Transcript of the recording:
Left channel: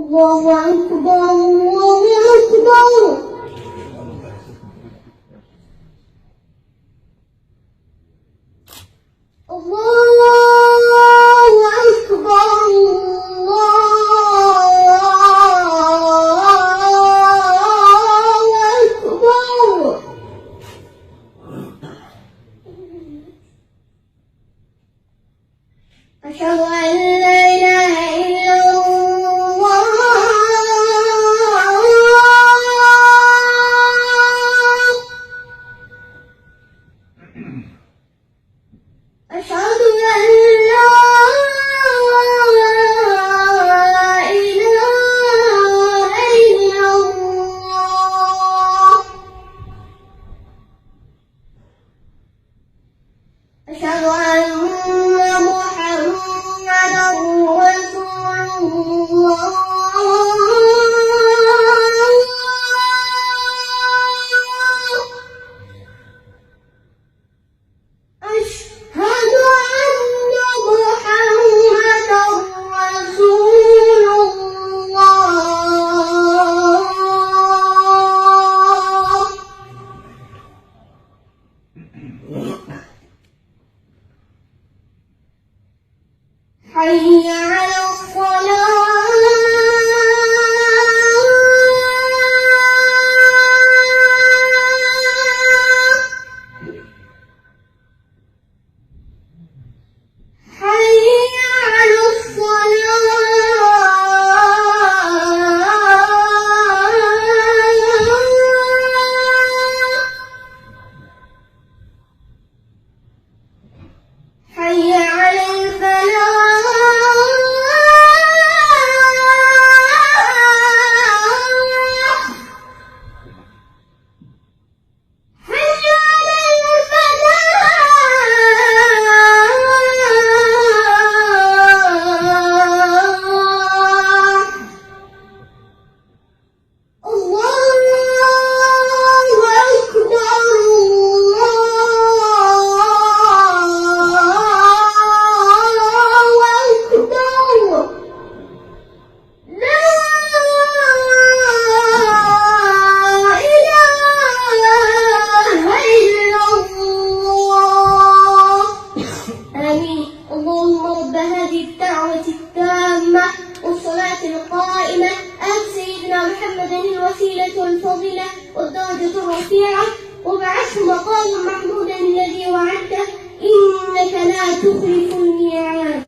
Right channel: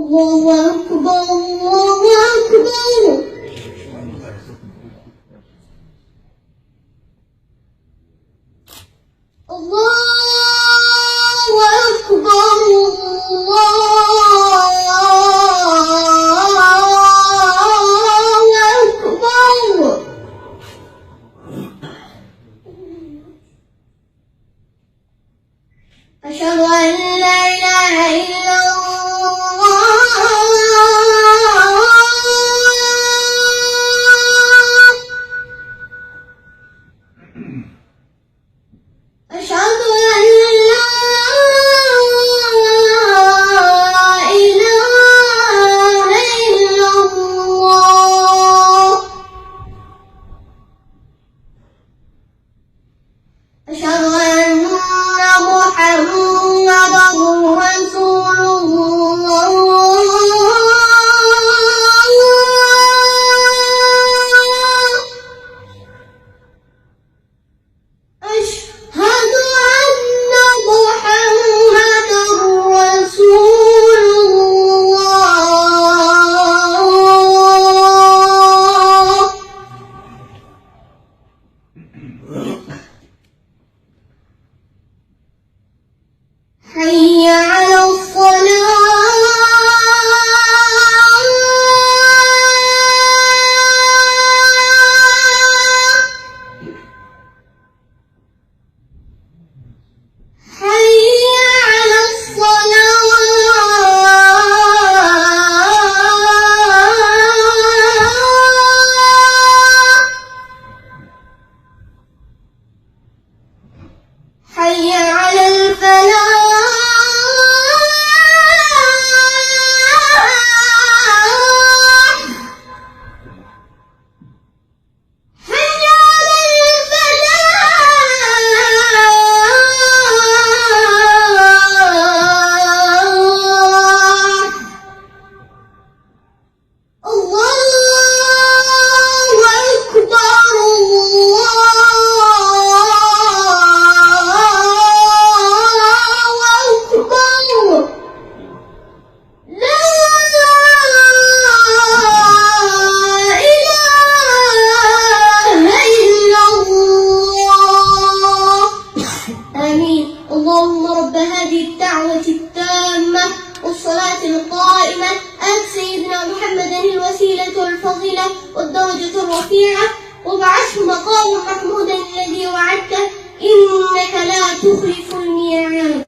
الله أكبر الله أكبر. الله أكبر الله أكبر. أشهد أن لا إله إلا الله. أشهد أن لا إله إلا الله. أشهد أن محمدًا رسول الله. أشهد أن محمدًا رسول الله. حي على الصلاة. حي على الصلاة. حي على الفلاح. اللهم رب هذه الدعوة التامة والصلاة القائمة آت سيدنا محمدا الوسيلة والفضيلة والدرجة الرفيعة وابعثه مقام محمودا الذي وعدته إنك لا تخلف الميعاد.